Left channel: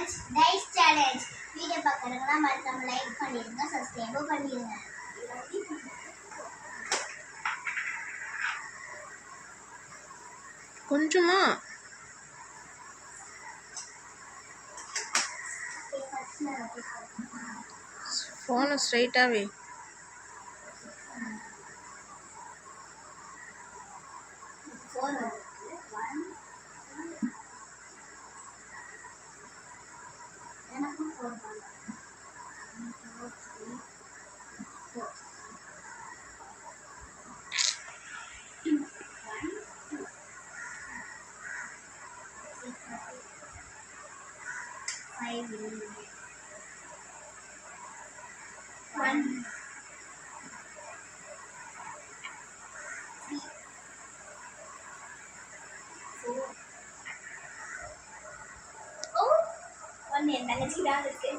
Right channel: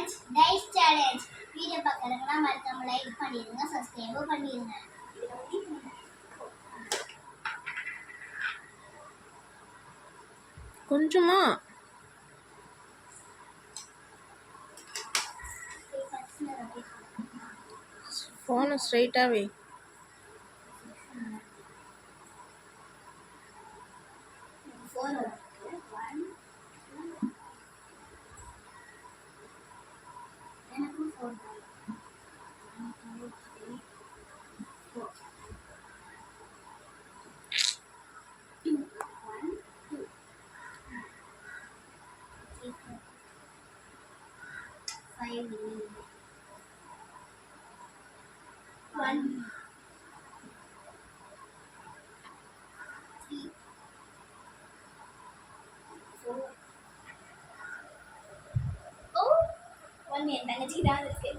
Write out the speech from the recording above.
Challenge dice challenge. Video பார்க்கறவங்க மறக்காம like பண்ணிடுங்க, சப்ஸ்கிரைப் பண்ணிடுங்க. கொஞ்சமா ஃபோனை ஸ்ட்ரைட்டாகவே எனக்கும் 4 5 1 3 4 1 என் தங்கச்சி தான் இருக்கு.